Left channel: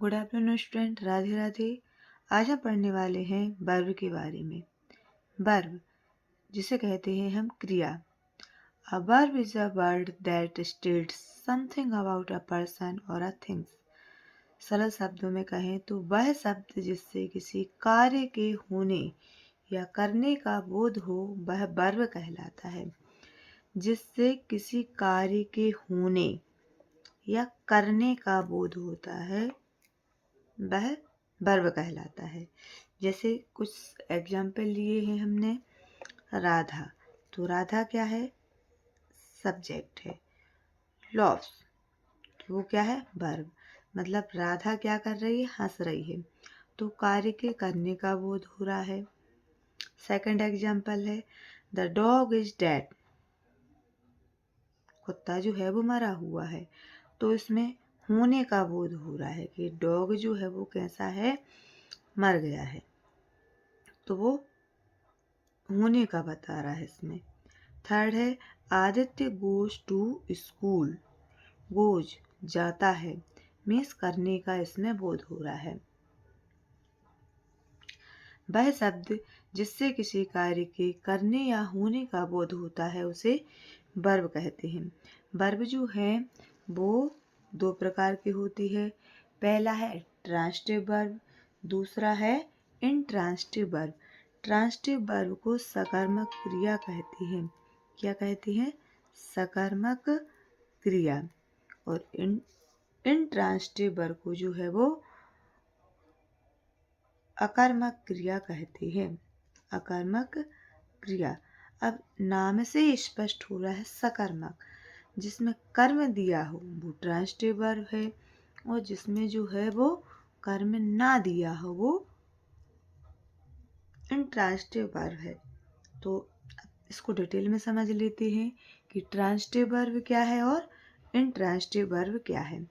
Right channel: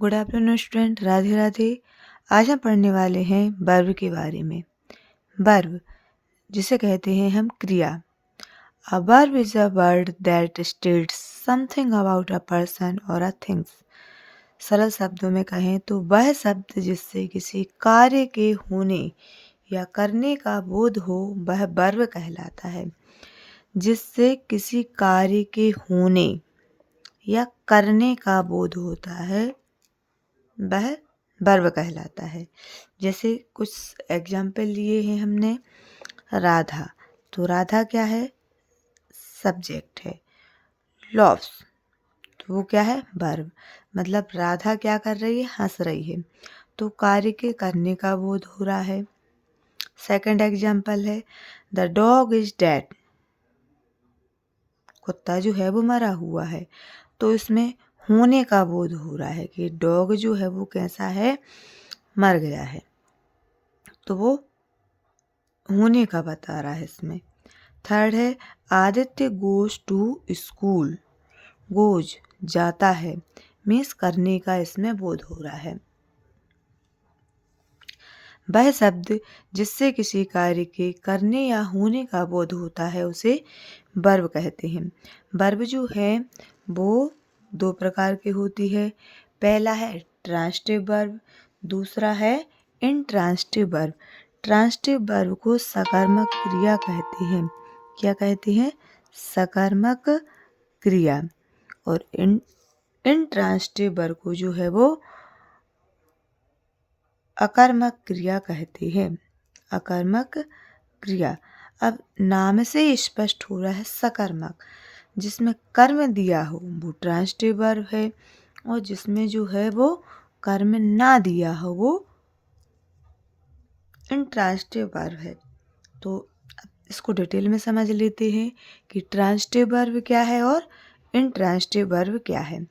Good afternoon student, Radhe Radhe. आज हम पढ़ने वाले हैं वर्ब के बारे में। वर्ब जिसे कहते हैं हम क्रिया। A verb is a word that states something about a person और अ थिंग्स। सरल शब्दों में कहें तो वह शब्द जिससे किसी कार्य के होने या करने का बोध हो वह वर्ब कहलाता है। जिससे किसी कार्य के होने या करने का बोध होता है वह वर्ब कहलाता है। जैसे कुछ एग्जाम्पल लिए हैं हमने। राधा, तो राधा क्या है? सब्जेक्ट है। लव्स, तो वो क्या है? वर्ब। मतलब राधा क्या कर रही है? हंस रही है, तो कार्य के करने का बोध हो रहा है। सेकंड एग्जाम्पल है द डॉग इज डेड। कुत्ता जो है वो मरा हुआ है, तो इसमें होने का बोध हो रहा है कि डॉग जो है वो कैसा है? मर गया है, तो वो होने का बता रहा है इसमें। थर्ड है Aditya goes to school. Goes जाता है, मीन्स करने का इसमें बोध हो रहा है। वह शब्द जिससे किसी कार्य के करने या होने का बोध होता है उसे वर्ब कहते हैं। वर्ब जो है वो दो प्रकार की होती है। पहला है ट्रांजिटिव वर्ब, दूसरा है इनट्रांजिटिव वर्ब। ट्रांजिटिव वर्ब को सकर्मक क्रिया कहते हैं। क्या कहते हैं? सकर्मक क्रिया। और इनट्रांजिटिव वर्ब को जो है वो अकर्मक क्रिया कहते हैं। अकर्मक क्रिया। अब नाम से ही स्पष्ट हो रहा है सकर्मक। जिसमें कर्म दिया हो वो ट्रांजिटिव वर्ब है, और जिसमें जो है वो कर्म ना दिया हो वो इनट्रांजिटिव वर्ब है। तो इसको डिटेल में समझ लेते हैं कि ट्रांजिटिव वर्ब क्या है और इनट्रांजिटिव वर्ब क्या है।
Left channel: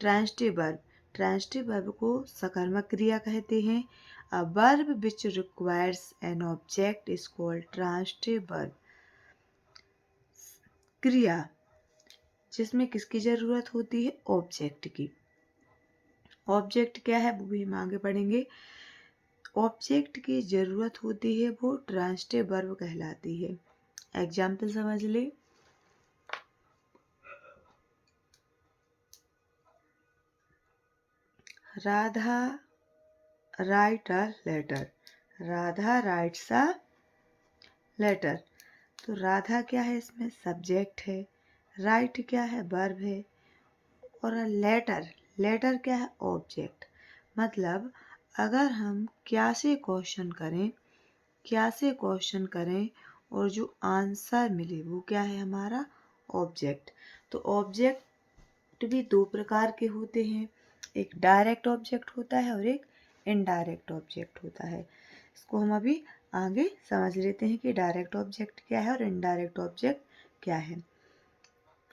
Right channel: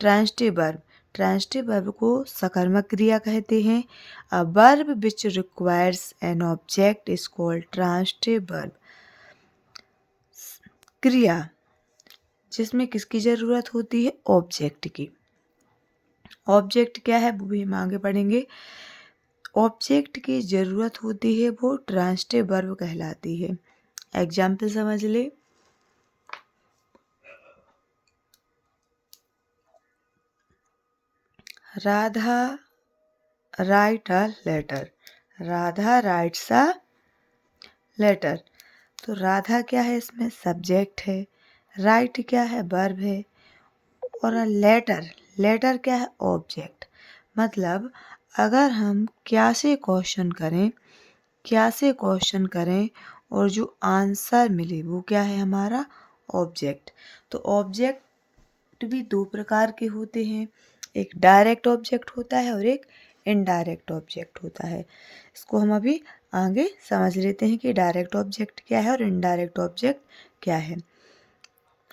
ट्रांजिटिव वर्ब को सकर्मक क्रिया कहते हैं। A verb which requires an object is called transitive verb. क्रिया जिसमें किसकी ज़रूरत होती है? ऑब्जेक्ट की। ऑब्जेक्ट क्या है वो भी हम आगे पढ़ेंगे। ऑब्जेक्ट की ज़रूरत होती है वो ट्रांजिटिव वर्ब कहलाती है। एग्जाम्पल समझ ले। Radha write a letter. Radha writes a letter. तो राधा क्या है? इसमें सब्जेक्ट है। राइट क्या है? वर्ब है। और लेटर, लेटर क्या है? ऑब्जेक्ट। मतलब अगर हम क्या से क्वेश्चन करें, क्या से क्वेश्चन करें और जो आंसर मिले वो क्या है? हमारा ऑब्जेक्ट। तो ऑब्जेक्ट भी दो प्रकार के होते हैं। एक डायरेक्ट ऑब्जेक्ट होता है और एक इनडायरेक्ट ऑब्जेक्ट होता है। इसको हम अभी आगे समझ लेते हैं कि डायरेक्ट ऑब्जेक्ट क्या है और इनडायरेक्ट ऑब्जेक्ट क्या है।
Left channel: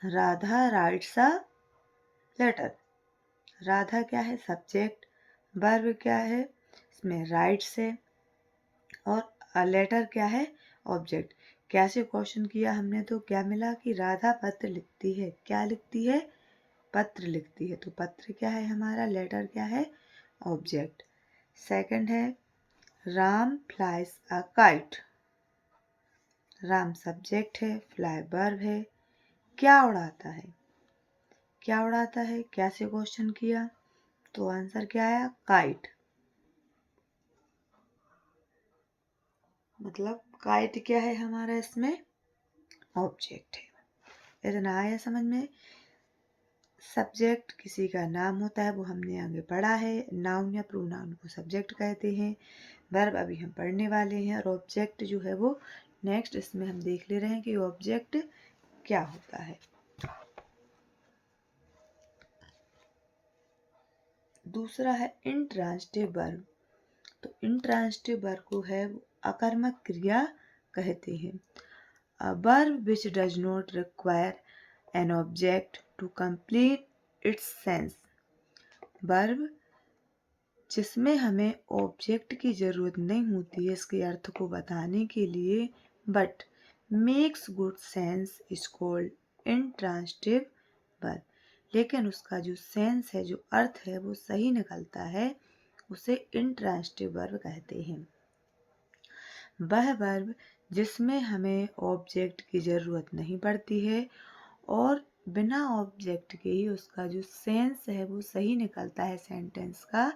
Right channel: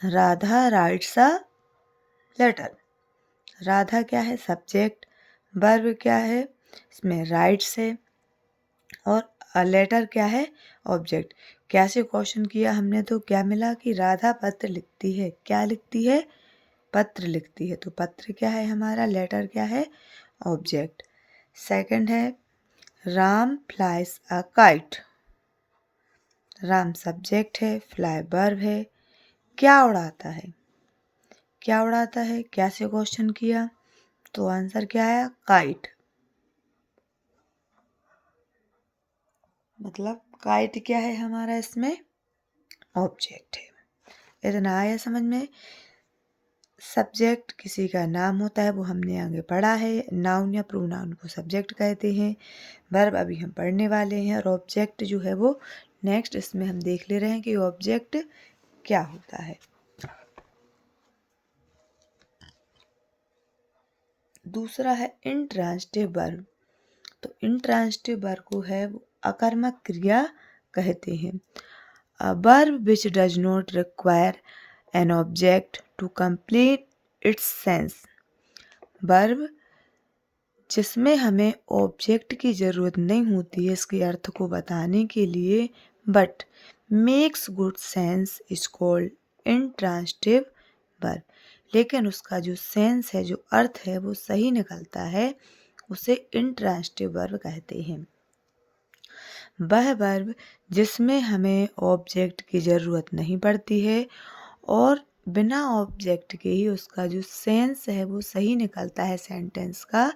Radha writes a letter. Radha क्या है? सब्जेक्ट। वर्ब क्या है? इसमें राइट्स है। और अ लेटर क्या है? ऑब्जेक्ट। क्या से क्वेश्चन किया हमने तो क्या मिला कि राधा पत्र लिखती है। क्या लिखती है? पत्र लिखती है। तो पत्र क्या है हमारा? लेटर क्या है? ऑब्जेक्ट। सेकंड है Ram flies a kite. Ram subject है, फ्लाई वर्ब है। क्या उड़ाता है? क्या उड़ाता है? क्या से क्वेश्चन किया तो आंसर क्या आया? काइट। मतलब काइट क्या है हमारा? इसमें ऑब्जेक्ट है। इतना आया समझ में? सब्जेक्ट किसी का नाम होता है, वो हमने आगे पढ़ा है। नाउन या प्रोनाउन को सब्जेक्ट कहते हैं। वर्ब अभी हम पढ़ने वाले हैं। और ऑब्जेक्ट जो है वो नेक्स्ट इसमें हम देख ले रहे हैं कि ऑब्जेक्ट क्या होता है। दूसरा है इनट्रांजिटिव वर्ब। तो इनट्रांजिटिव वर्ब को है वो अकर्मक क्रिया कहते हैं। A verb which does not require an object to complete its sense. Verb जिसमें हमें ऑब्जेक्ट की ज़रूरत नहीं होती है इसके अर्थ को बताने के लिए, but makes good sense is called intransitive verb. लेकिन उसका जो सेंस है, जो अर्थ है, वो सही निकलता है, उसे इंट्रांसिटिव वर्ब कहते हैं। वह वर्ब जिसमें हमें ऑब्जेक्ट की ज़रूरत नहीं पड़ती है और बिना ऑब्जेक्ट के ही उसका जो सेंस है वो सही निकलता है सेंटेंस का,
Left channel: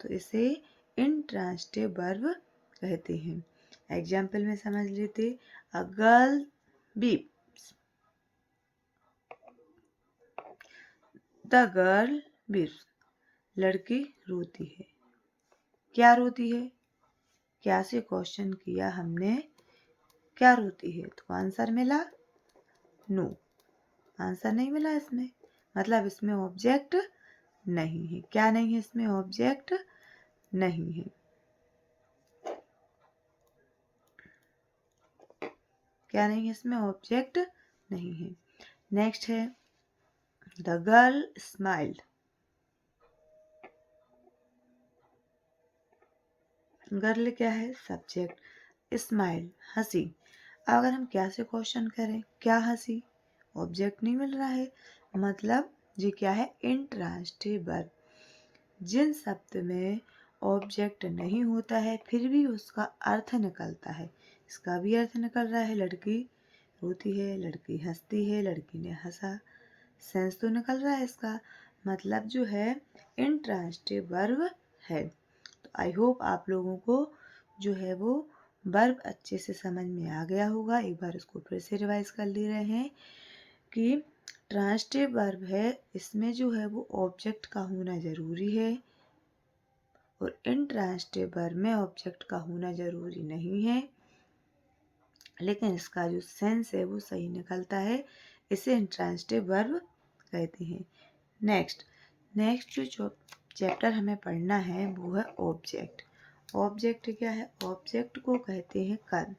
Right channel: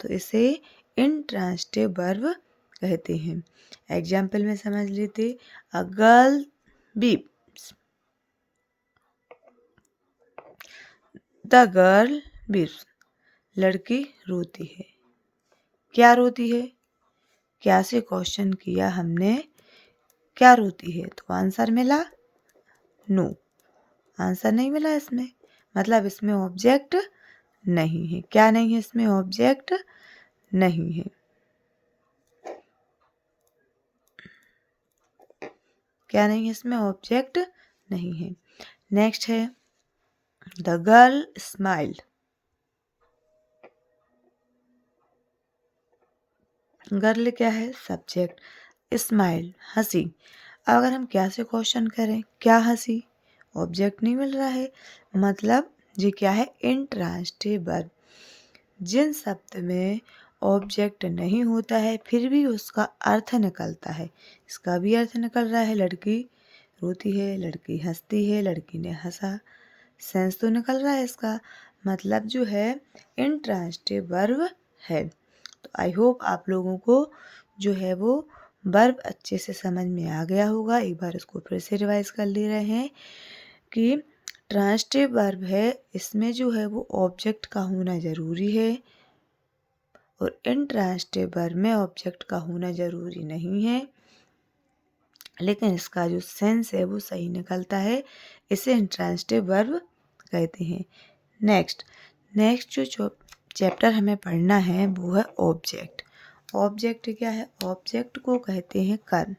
तो इसे इंट्रांसिटिव वर्ब कहते हैं। एग्जाम्पल में समझ लेते, a girl weeps, the girl weeps, लड़की रोती है। क्या रोती है? क्या से क्वेश्चन किया हमने, क्या रोती है, तो आंसर मिला नो। आंसर नहीं मिला इसमें, मतलब इसमें ऑब्जेक्ट नहीं है। क्या नहीं है इसमें? ऑब्जेक्ट नहीं है। क्या नहीं है इसमें? ऑब्जेक्ट नहीं है। नेक्स्ट है द गर्ल स्माइल्ड। गर्ल क्या है? सब्जेक्ट, स्माइल हंसी। अगर हम क्या से क्वेश्चन करें, क्या हंसी, ऑब्जेक्ट नहीं मिल रहा है, मतलब ये क्या है? Intransitive verb. जिन शब्द में ऑब्जेक्ट नहीं होता है फिर भी उसका अर्थ निकलता है, इसका भी अर्थ निकल रहा है, लड़की रोती है, लड़की हंसती है, लड़की ने हंसा, सेंस तो निकल रहा है इसका, मतलब जो है इंट्रांसिटिव वर्ब है। तो आई होप आप लोगों को जो है वो वर्ब अच्छे से समझ में आ गया होगा। एक बार इसको फिर से रिवाइज कर ले रहे हैं कि ट्रांसिटिव वर्ब है, इसमें जो है वो ऑब्जेक्ट का होना ज़रूरी है और इंट्रांसिटिव वर्ब में ऑब्जेक्ट का होना ज़रूरी नहीं है, लेकिन इसका जो सेंस है वो सही निकलता है, इसे इंट्रांसिटिव वर्ब कहते हैं। नेक्स्ट जो चैप्टर हमें पढ़ना है वो है ऑब्जेक्ट। ऑब्जेक्ट क्या है? ऑब्जेक्ट को कहते हैं कर्म।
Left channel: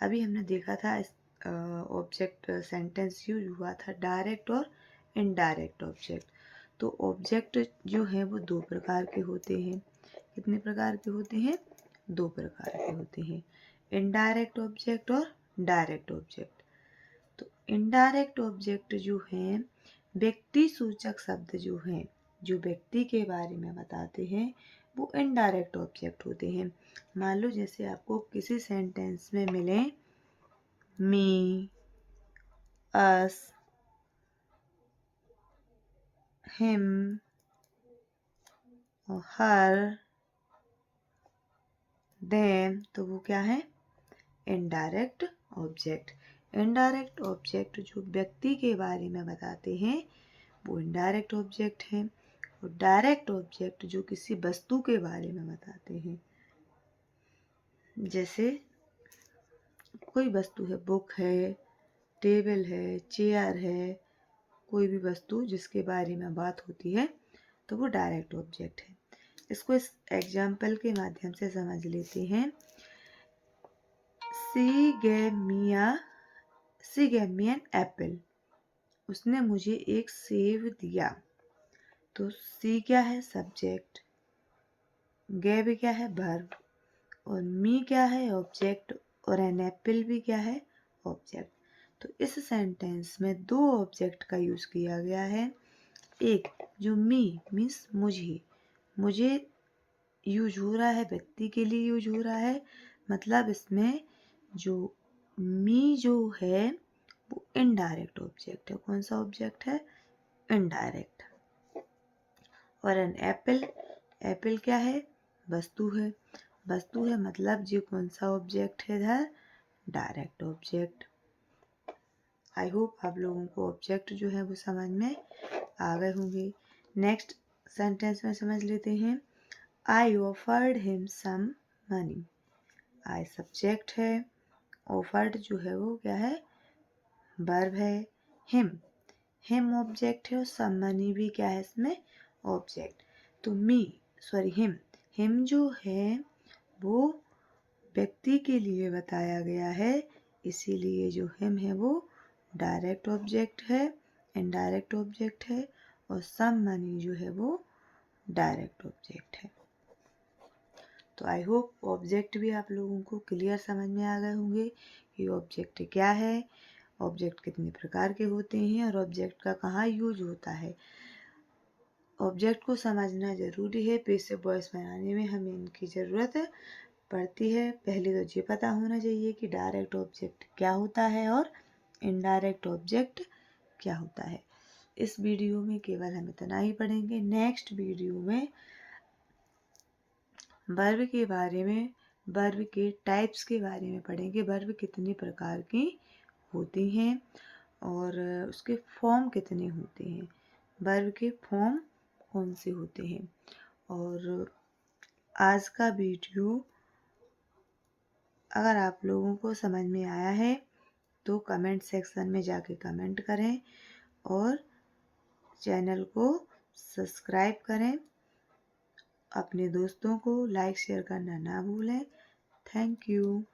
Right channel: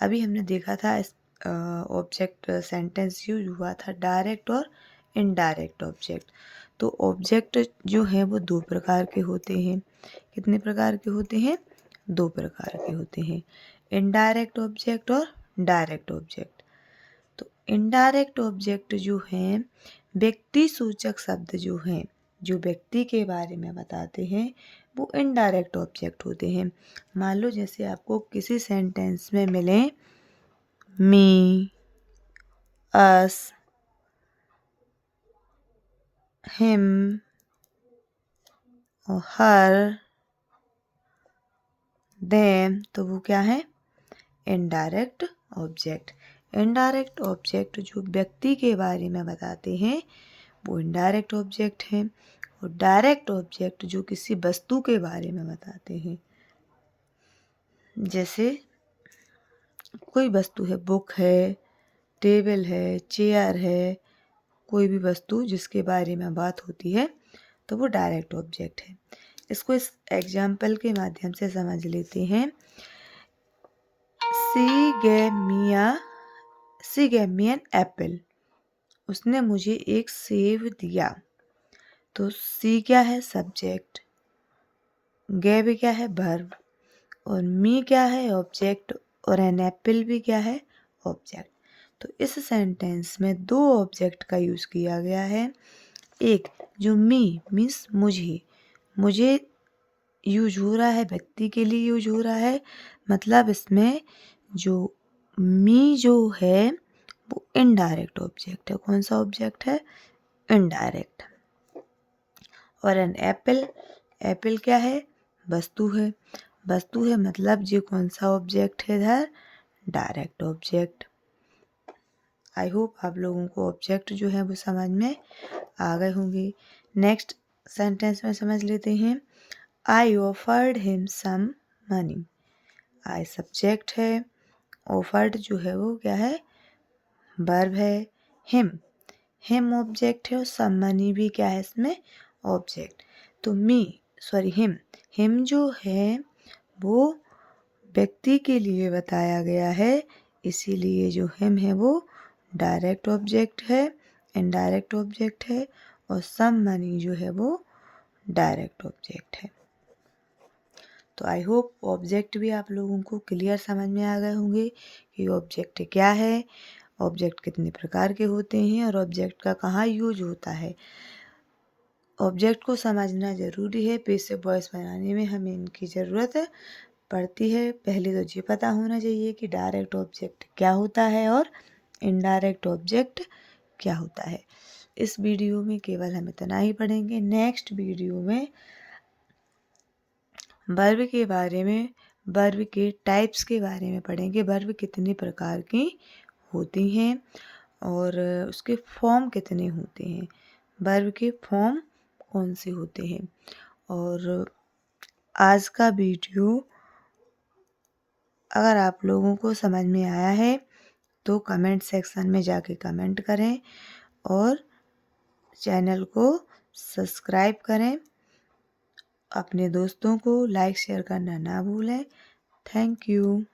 अभी हमने देखा था इस ऑब्जेक्ट सेंटेंस यूज हुआ था डायरेक्ट और इनडायरेक्ट ऑब्जेक्ट। तो ऑब्जेक्ट जो है वो दो प्रकार के होते हैं। कितने प्रकार के होते हैं? दो प्रकार के होते हैं, इनडायरेक्ट ऑब्जेक्ट और डायरेक्ट ऑब्जेक्ट। तो इनडायरेक्ट ऑब्जेक्ट जो हैं, व्यक्ति सूचक शब्द जो हैं, जो व्यक्ति के बारे में बताते हैं, वो इनडायरेक्ट ऑब्जेक्ट होते हैं। मान लो जैसे आपको किसी सेंटेंस में मिले मी, अस, हिम और हर, देम, तो वो क्या है? Indirect object. इनडायरेक्ट ऑब्जेक्ट जो व्यक्ति के बारे में बताते हैं वो इनडायरेक्ट ऑब्जेक्ट हैं, और डायरेक्ट ऑब्जेक्ट जो किसी वस्तु के बारे में बताते हैं। जैसे कोई वस्तु है, बुक है, टेबल है, चेयर है, कोई भी वस्तु जिसके बारे में बात होती है तो वो डायरेक्ट ऑब्जेक्ट है। इसको इस एग्जाम्पल के माध्यम से समझ लेते हैं। सी gave me an apple, उसने मुझे एक सेब दिया। तो सी क्या है? सब्जेक्ट, गेव क्या है? वर्ब, और मी क्या है? ऑब्जेक्ट, और एन एप्पल भी क्या है? ऑब्जेक्ट। तो इस सेंटेंस में दो ऑब्जेक्ट का यूज़ किया गया है। एक जो मी मीन्स मुझे यूज हो रहा है, व्यक्ति के लिए यूज हो रहा है, मतलब इसमें जो मी जो है वो इनडायरेक्ट ऑब्जेक्ट है। कौन सा ऑब्जेक्ट है? इनडायरेक्ट। और एन एप्पल, एप्पल क्या है? वस्तु है, वस्तु है मतलब ये कौन सा ऑब्जेक्ट है इधर? Direct object. आई होप आप लोगों को ऑब्जेक्ट जो है वो समझ में आ गए होंगे। नेक्स्ट सेंटेंस में समझ लेते हैं। I offered him some money. I subject है, ऑफर्ड जो है वो क्या है? वर्ब है। हिम ऑब्जेक्ट है और सम मनी भी क्या है इसमें? ऑब्जेक्ट। तो हिम जो है वो व्यक्ति के लिए बताया गया है, इसीलिए जो हिम है वो डायरेक्ट ऑब्जेक्ट है, इनडायरेक्ट ऑब्जेक्ट है, और सम मनी जो है वो डायरेक्ट ऑब्जेक्ट है। तो आई होप ऑब्जेक्ट भी आप लोगों को क्लियर समझ में आ गए होंगे कि ऑब्जेक्ट क्या है ऑब्जेक्ट कितने प्रकार के होते हैं और ऑब्जेक्ट का कहाँ यूज होता है। ऑब्जेक्ट को समझना ज़रूरी है। पैसिव वॉइस बनाने में हमें इनकी ज़रूरत पड़ती है। पहले तो ये पता होना चाहिए कि डायरेक्ट ऑब्जेक्ट क्या होता है और इनडायरेक्ट ऑब्जेक्ट क्या होता है। इस वीडियो में केवल हम इतना ही पढ़ेंगे। नेक्स्ट वीडियो में वर्ब के बारे में, वर्ब के टाइप्स के बारे में पढ़ेंगे। वर्ब कितने प्रकार की होती हैं और उसके फॉर्म कितने होते हैं, वर्ब के फॉर्म कौन से होते हैं। और आज का वीडियो अगर आप लोगों को समझ में आया है तो कमेंट सेक्शन में जाके कमेंट करें और चैनल को सब्सक्राइब करें। अपने दोस्तों को लाइक शेयर करना ना भूलें। Thank you.